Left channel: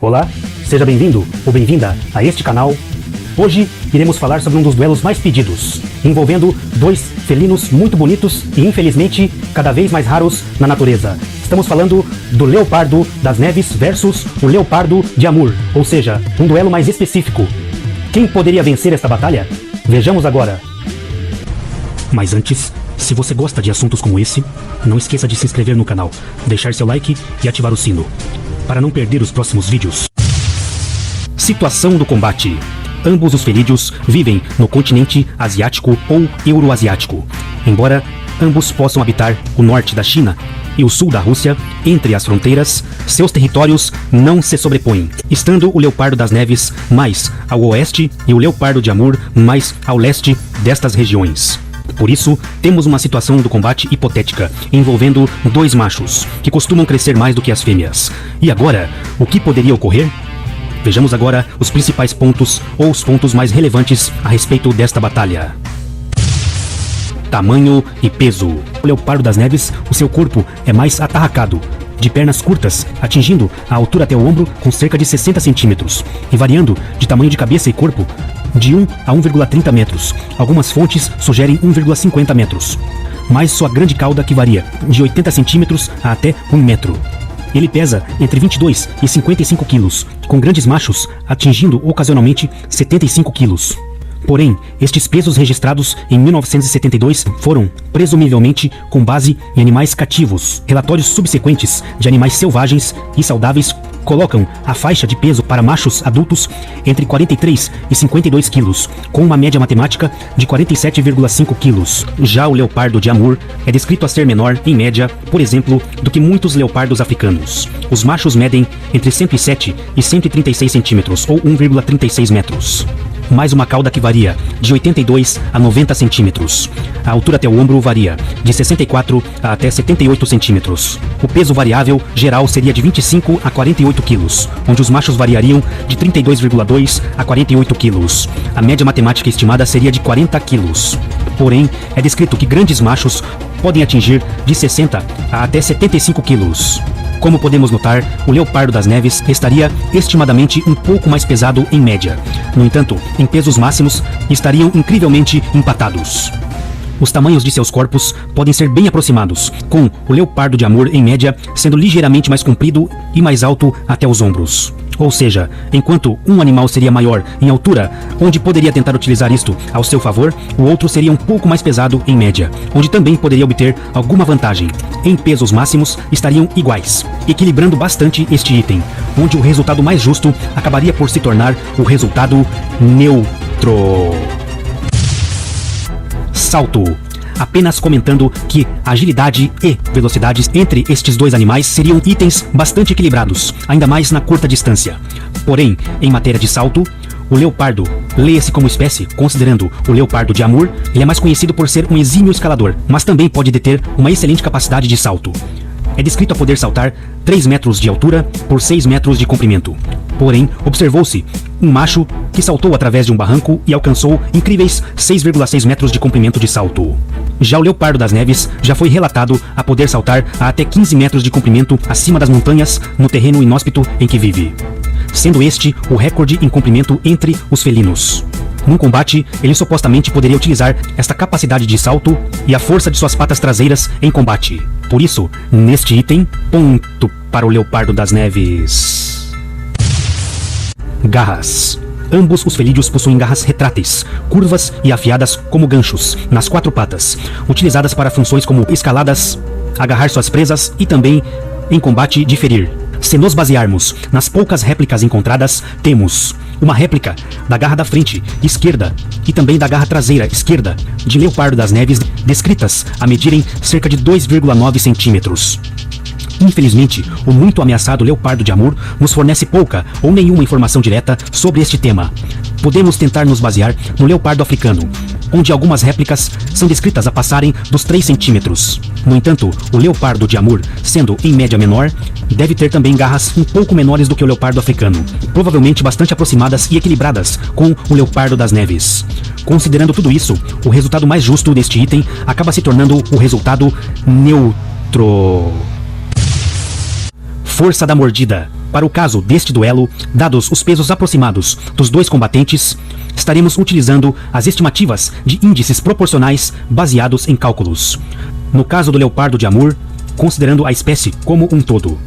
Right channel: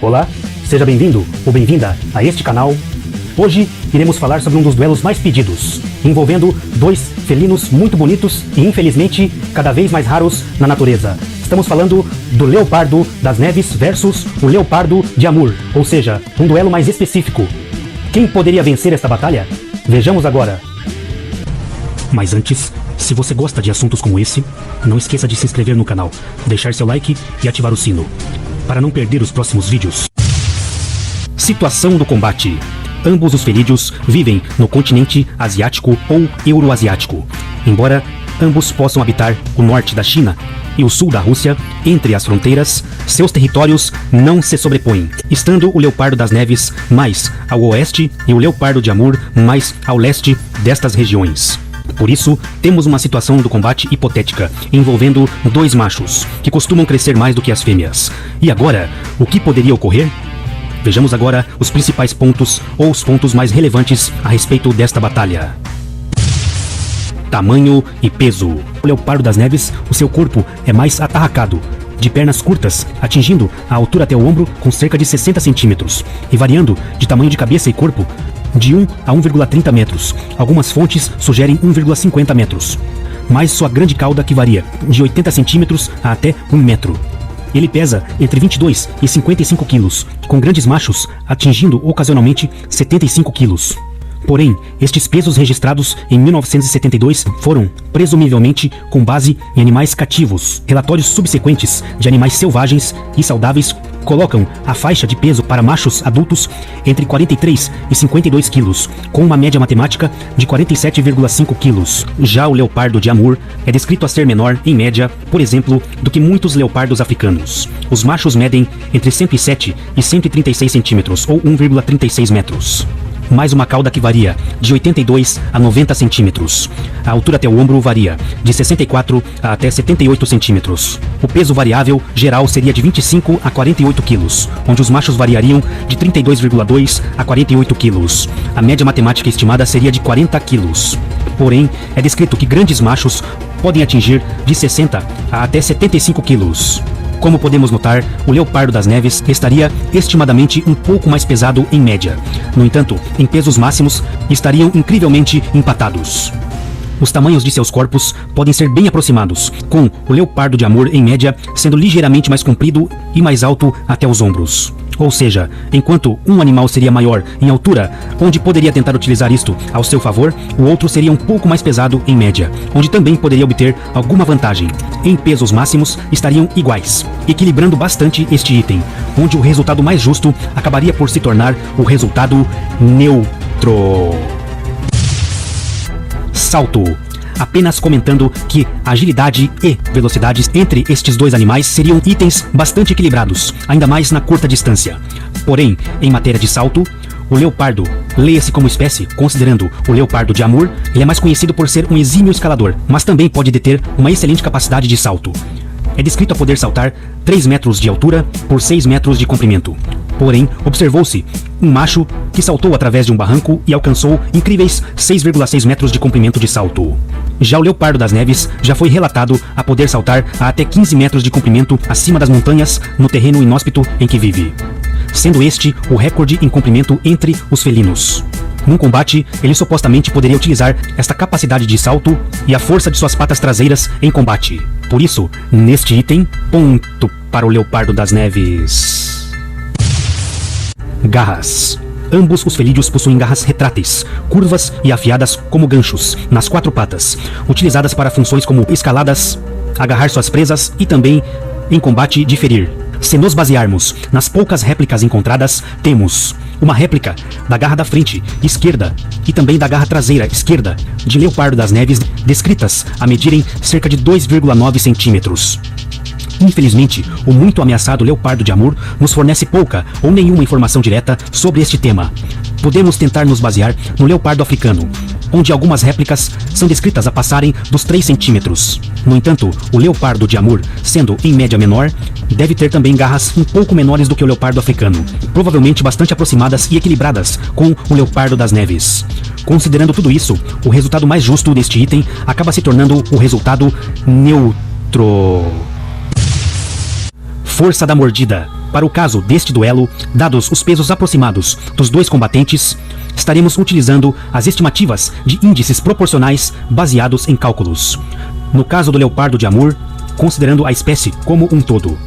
Olá, seja bem-vindo ou bem-vinda a este canal. Hoje iremos falar sobre um dos duelos mais pedidos, envolvendo dois felinos muito bonitos e infelizmente cada vez mais raros na natureza. Estamos falando do leopardo das neves versus o leopardo de Amur, ou seja, um duelo mais específico. Quem poderia vencer esta batalha? Vejamos agora. Mas antes, se você gosta de assuntos como esse, não esqueça de se inscrever no canal, deixar seu like e ativar o sino, para não perder os próximos vídeos. Situação do combate. Ambos os felídeos vivem no continente asiático ou euroasiático. Embora ambos possam habitar o norte da China e o sul da Rússia, entre as fronteiras, seus territórios não se sobrepõem, estando o leopardo das neves mais ao oeste e o leopardo de Amur mais ao leste destas regiões. Por isso, temos uma situação do combate hipotética, envolvendo dois machos, que costumam crescer mais do que as fêmeas. E agora, o que poderia ocorrer? Vejamos agora os principais pontos, ou os pontos mais relevantes a respeito desta batalha. Tamanho e peso. O leopardo das neves, o seu corpo é mais atarracado, de pernas curtas, atingindo a altura até o ombro com cerca de 60 centímetros, e variando de tamanho de cabeça e corpo de 1 a 1,30 metros. Algumas fontes sugerem 1,50 metros, mas sua grande cauda que varia de 80 centímetros a até 1 metro. Ele pesa entre 22 e 55 quilos, com grandes machos atingindo ocasionalmente 75 quilos. Porém, estes pesos registrados em 1972 foram, presumivelmente, com base em animais cativos. Relatórios subsequentes de animais selvagens e saudáveis colocam a faixa de peso para machos adultos entre 43 e 52 quilos, com uma média matemática de 47,5 quilos. Já o leopardo de Amur é descrito a ser menor, em média, por exemplo, do que muitos leopardos africanos. Os machos medem entre 107 e 136 centímetros, ou 1,36 metros. Mais uma cauda que varia de 82 a 90 centímetros. A altura até o ombro varia de 64 a até 78 centímetros. O peso variável geral seria de 25 a 48 quilos, onde os machos variariam de 32,2 a 48 quilos. A média matemática estimada seria de 40 quilos. Porém, é descrito que grandes machos podem atingir de 60 a até 75 quilos. Como podemos notar, o leopardo das neves estaria estimadamente um pouco mais pesado em média. No entanto, em pesos máximos, estariam incrivelmente empatados. Os tamanhos de seus corpos podem ser bem aproximados, com o leopardo de Amur, em média, sendo ligeiramente mais comprido e mais alto até os ombros. Ou seja, enquanto um animal seria maior em altura, onde poderia tentar utilizar isto ao seu favor, o outro seria um pouco mais pesado em média, onde também poderia obter alguma vantagem. Em pesos máximos, estariam iguais, equilibrando bastante este item, onde o resultado mais justo acabaria por se tornar o resultado neutro. Salto. Apenas comentando que agilidade e velocidades entre estes dois animais seriam itens bastante equilibrados, ainda mais na curta distância. Porém, em matéria de salto, o leopardo, leia-se como espécie, considerando o leopardo de Amur, ele é mais conhecido por ser um exímio escalador, mas também pode deter uma excelente capacidade de salto. É descrito a poder saltar 3 metros de altura por 6 metros de comprimento. Porém, observou-se um macho que saltou através de um barranco e alcançou incríveis 6,6 metros de comprimento de salto. Já o leopardo das neves já foi relatado a poder saltar a até 15 metros de comprimento acima das montanhas no terreno inóspito em que vive, sendo este o recorde em comprimento entre os felinos. Num combate, ele supostamente poderia utilizar esta capacidade de salto e a força de suas patas traseiras em combate. Por isso, neste item, ponto para o leopardo das neves. Garras. Ambos os felídeos possuem garras retráteis, curvas e afiadas como ganchos, nas 4 patas, utilizadas para funções como escaladas, agarrar suas presas e também em combate de ferir. Se nós basearmos nas poucas réplicas encontradas, temos uma réplica da garra da frente esquerda e também da garra traseira esquerda de leopardo das neves, descritas a medirem cerca de 2,9 centímetros. Infelizmente, o muito ameaçado leopardo de Amur nos fornece pouca ou nenhuma informação direta sobre este tema. Podemos tentar nos basear no leopardo africano, onde algumas réplicas são descritas a passarem dos 3 centímetros. No entanto, o leopardo de Amur, sendo em média menor, deve ter também garras um pouco menores do que o leopardo africano, provavelmente bastante aproximadas e equilibradas com o leopardo das neves. Considerando tudo isso, o resultado mais justo deste item acaba se tornando o resultado neutro. Força da mordida. Para o caso deste duelo, dados os pesos aproximados dos dois combatentes, estaremos utilizando as estimativas de índices proporcionais baseados em cálculos. No caso do leopardo de Amur, considerando a espécie como um todo,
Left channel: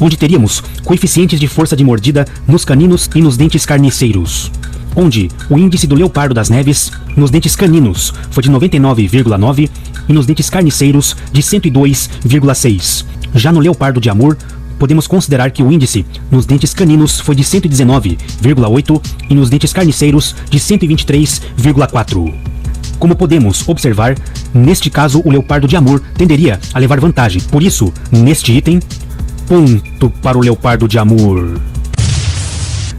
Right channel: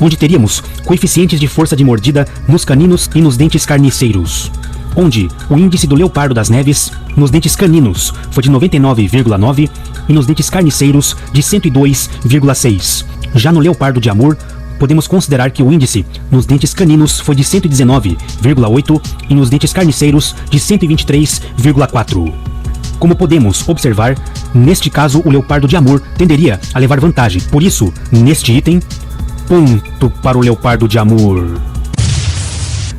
onde teríamos coeficientes de força de mordida nos caninos e nos dentes carniceiros, onde o índice do leopardo das neves nos dentes caninos foi de 99,9 e nos dentes carniceiros de 102,6. Já no leopardo de Amur, podemos considerar que o índice nos dentes caninos foi de 119,8 e nos dentes carniceiros de 123,4. Como podemos observar, neste caso o leopardo de Amur tenderia a levar vantagem. Por isso, neste item, ponto para o leopardo de Amur.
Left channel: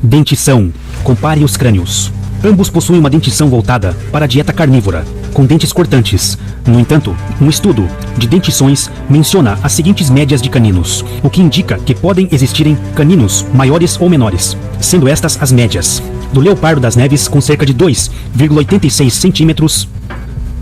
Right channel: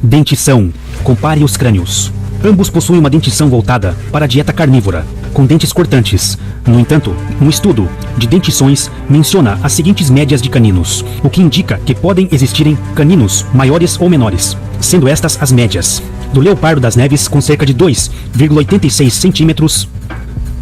Dentição. Compare os crânios. Ambos possuem uma dentição voltada para a dieta carnívora, com dentes cortantes. No entanto, um estudo de dentições menciona as seguintes médias de caninos, o que indica que podem existirem caninos maiores ou menores, sendo estas as médias do leopardo das neves com cerca de 2,86 centímetros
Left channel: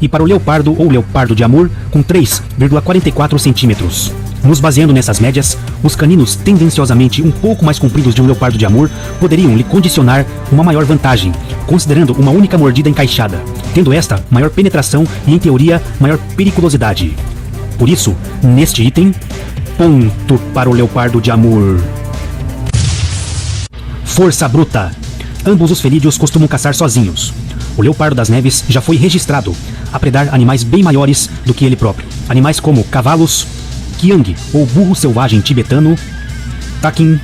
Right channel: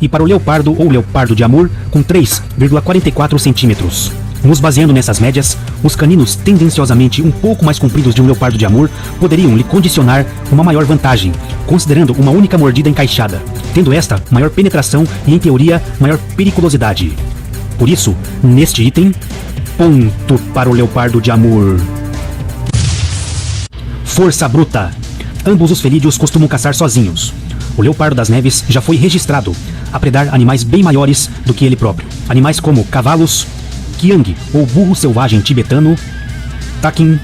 e para o leopardo ou leopardo de Amur com 3,44 centímetros. Nos baseando nessas médias, os caninos tendenciosamente um pouco mais compridos de um leopardo de Amur poderiam lhe condicionar uma maior vantagem, considerando uma única mordida encaixada, tendo esta maior penetração e, em teoria, maior periculosidade. Por isso, neste item, ponto para o leopardo de Amur. Força bruta. Ambos os felídeos costumam caçar sozinhos. O leopardo das neves já foi registrado a predar animais bem maiores do que ele próprio. Animais como cavalos, quiang ou burro selvagem tibetano, takin,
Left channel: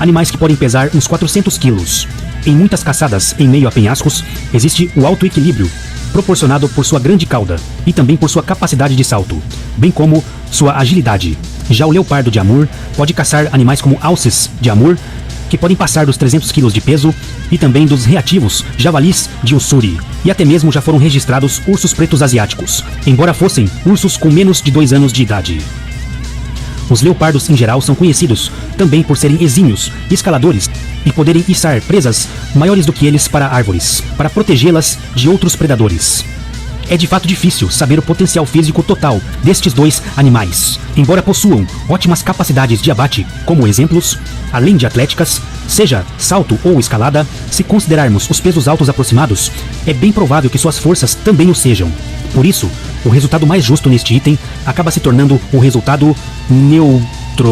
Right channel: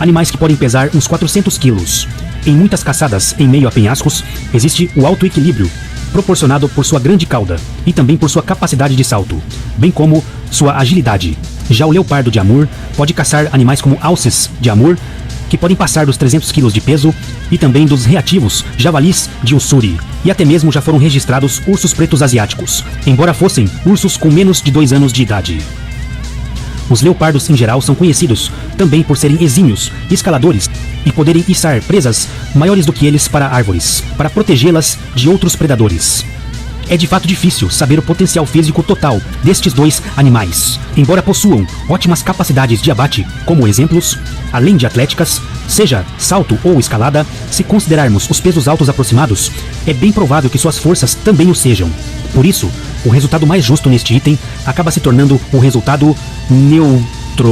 animais que podem pesar uns 400 quilos. Em muitas caçadas em meio a penhascos, existe o alto equilíbrio, proporcionado por sua grande cauda e também por sua capacidade de salto, bem como sua agilidade. Já o leopardo de Amur pode caçar animais como alces de Amur, que podem passar dos 300 kg de peso, e também dos reativos javalis de Ussuri. E até mesmo já foram registrados ursos pretos asiáticos, embora fossem ursos com menos de 2 anos de idade. Os leopardos em geral são conhecidos também por serem exímios escaladores e poderem içar presas maiores do que eles para árvores, para protegê-las de outros predadores. É de fato difícil saber o potencial físico total destes dois animais, embora possuam ótimas capacidades de abate, como exemplos, além de atléticas, seja salto ou escalada. Se considerarmos os pesos altos aproximados, é bem provável que suas forças também o sejam. Por isso, o resultado mais justo neste item acaba se tornando o resultado neutro.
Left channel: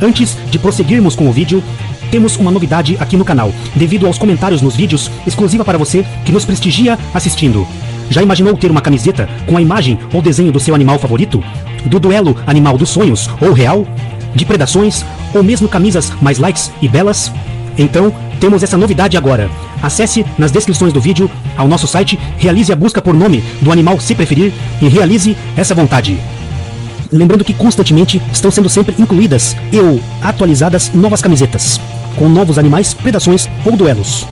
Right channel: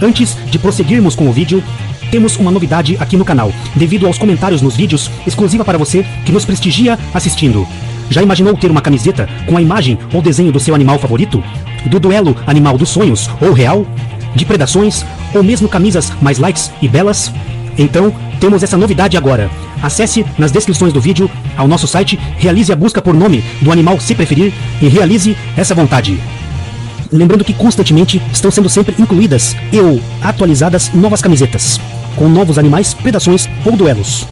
Antes de prosseguirmos com o vídeo, temos uma novidade aqui no canal, devido aos comentários nos vídeos, exclusiva para você que nos prestigia assistindo. Já imaginou ter uma camiseta com a imagem ou desenho do seu animal favorito? Do duelo animal dos sonhos ou real? De predações? Ou mesmo camisas mais lights e belas? Então, temos essa novidade agora. Acesse nas descrições do vídeo ao nosso site, realize a busca por nome do animal se preferir e realize essa vontade. Lembrando que constantemente estão sendo sempre incluídas e ou atualizadas novas camisetas, com novos animais, predações ou duelos.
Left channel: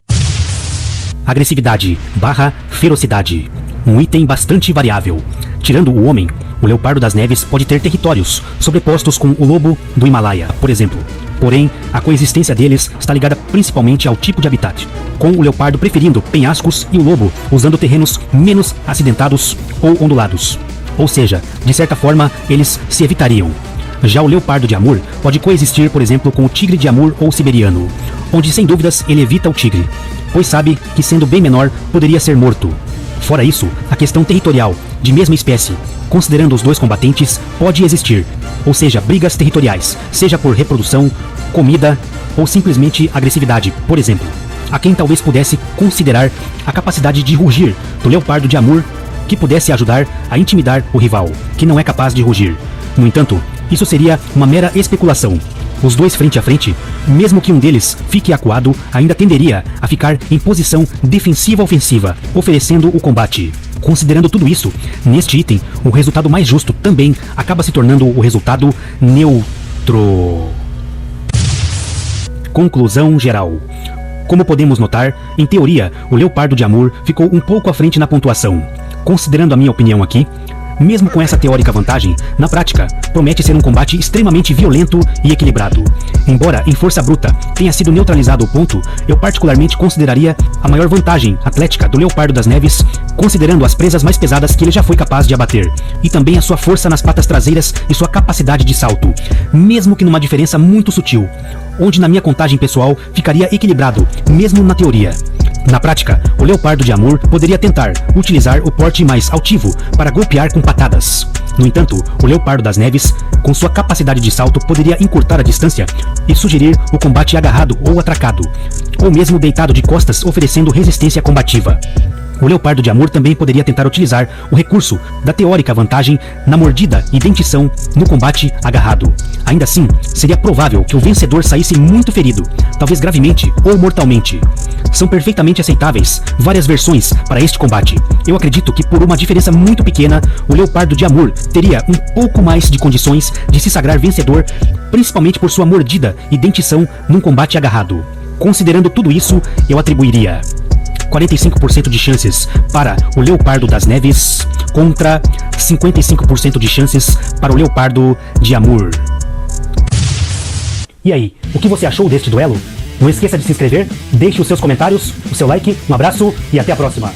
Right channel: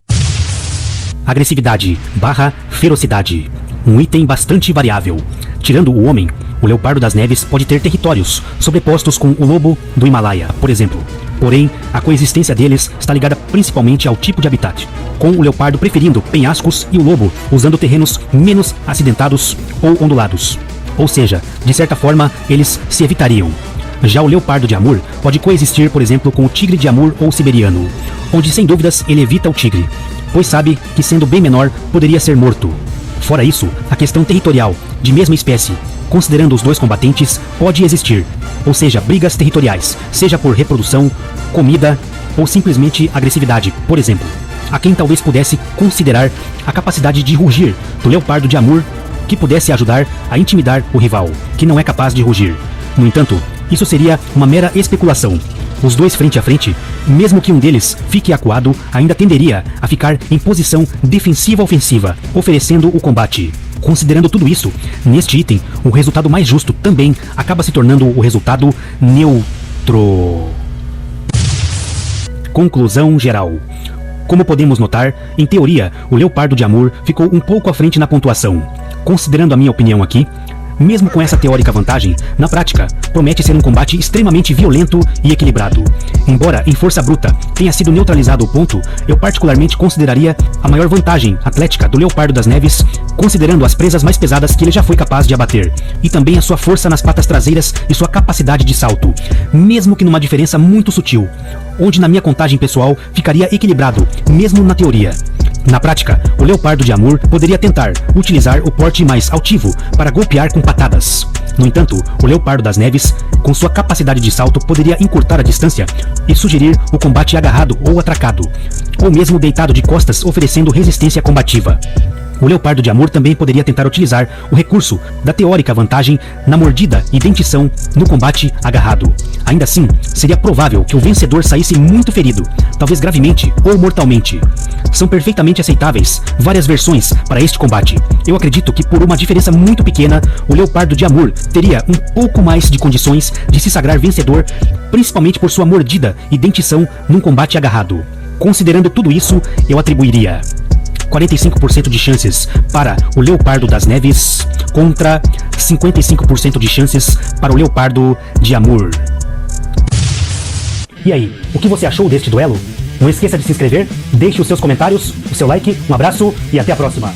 Agressividade / ferocidade. Um item bastante variável. Tirando o homem, o leopardo das neves pode ter territórios sobrepostos com o lobo do Himalaia, por exemplo. Porém, a coexistência deles está ligada principalmente ao tipo de habitat, com o leopardo preferindo penhascos e o lobo usando terrenos menos acidentados ou ondulados. Ou seja, de certa forma, eles se evitariam. Já o leopardo de Amur pode coexistir, por exemplo, com o tigre de Amur ou siberiano, onde sem dúvidas ele evita o tigre, pois sabe que sendo bem menor, poderia ser morto. Fora isso, a questão territorial, de mesma espécie, considerando os dois combatentes, pode existir, ou seja, brigas territoriais, seja por reprodução, comida ou simplesmente agressividade, por exemplo. A quem talvez pudesse considerar a capacidade de rugir do leopardo de Amur, que pudesse ajudar a intimidar o rival, que não é capaz de rugir. No entanto, isso seria uma mera especulação. Os dois frente a frente, mesmo que um deles fique acuado, ainda tenderia a ficar em posição defensiva-ofensiva, oferecendo o combate. Considerando tudo isso, neste item, o resultado mais justo também acaba se tornando o resultado neutro. Conclusão geral. Como podemos notar, em teoria, o leopardo de Amur ficou um pouco à frente na pontuação. Considerando a minha opinião aqui, mesmo com essa teórica vantagem, na prática, promete ser um combate extremamente violento e equilibrado. embora em força bruta tenha sido neutralizado ao ponto, eu particularmente consideraria a maior vantagem atlética do leopardo das neves, considerando as presas mais pesadas que ele já foi capaz de abater, e também a sua força nas patas traseiras e sua capacidade de salto, mesmo que numa diferença muito sutil, onde na minha contagem pessoal ficaria equilibrado, mesmo na teoria. Na prática, o leopardo de Amur poderia tentar utilizar o porte mais altivo para golpear com patadas. No entanto, o leopardo das neves, com sua capacidade de salto, poderia encurtar a distância e sugerir o combate agarrado ou atracado, ou mesmo deitado de costas, oferecendo resistência combativa. O leopardo de Amur também poderia tentar utilizar o recurso da teórica vantagem na mordida e dentição no combate agarrado. Ainda assim, seria provável que o vencedor saísse muito ferido, talvez gravemente ou mortalmente. São perfeitamente aceitáveis várias versões para este combate. Eu acredito que por uma diferença muito pequena, o leopardo de Amur teria um pouco mais de condições de se sagrar vencedor, principalmente por sua mordida e dentição num combate agarrado. Considerando tudo isso, eu atribuiria 45% de chances para o leopardo das neves contra 55% de chances para o leopardo de Amur. E aí, o que você achou deste duelo? Não esqueça de se inscrever, deixe os seus comentários, o seu like, um abraço e até a próxima.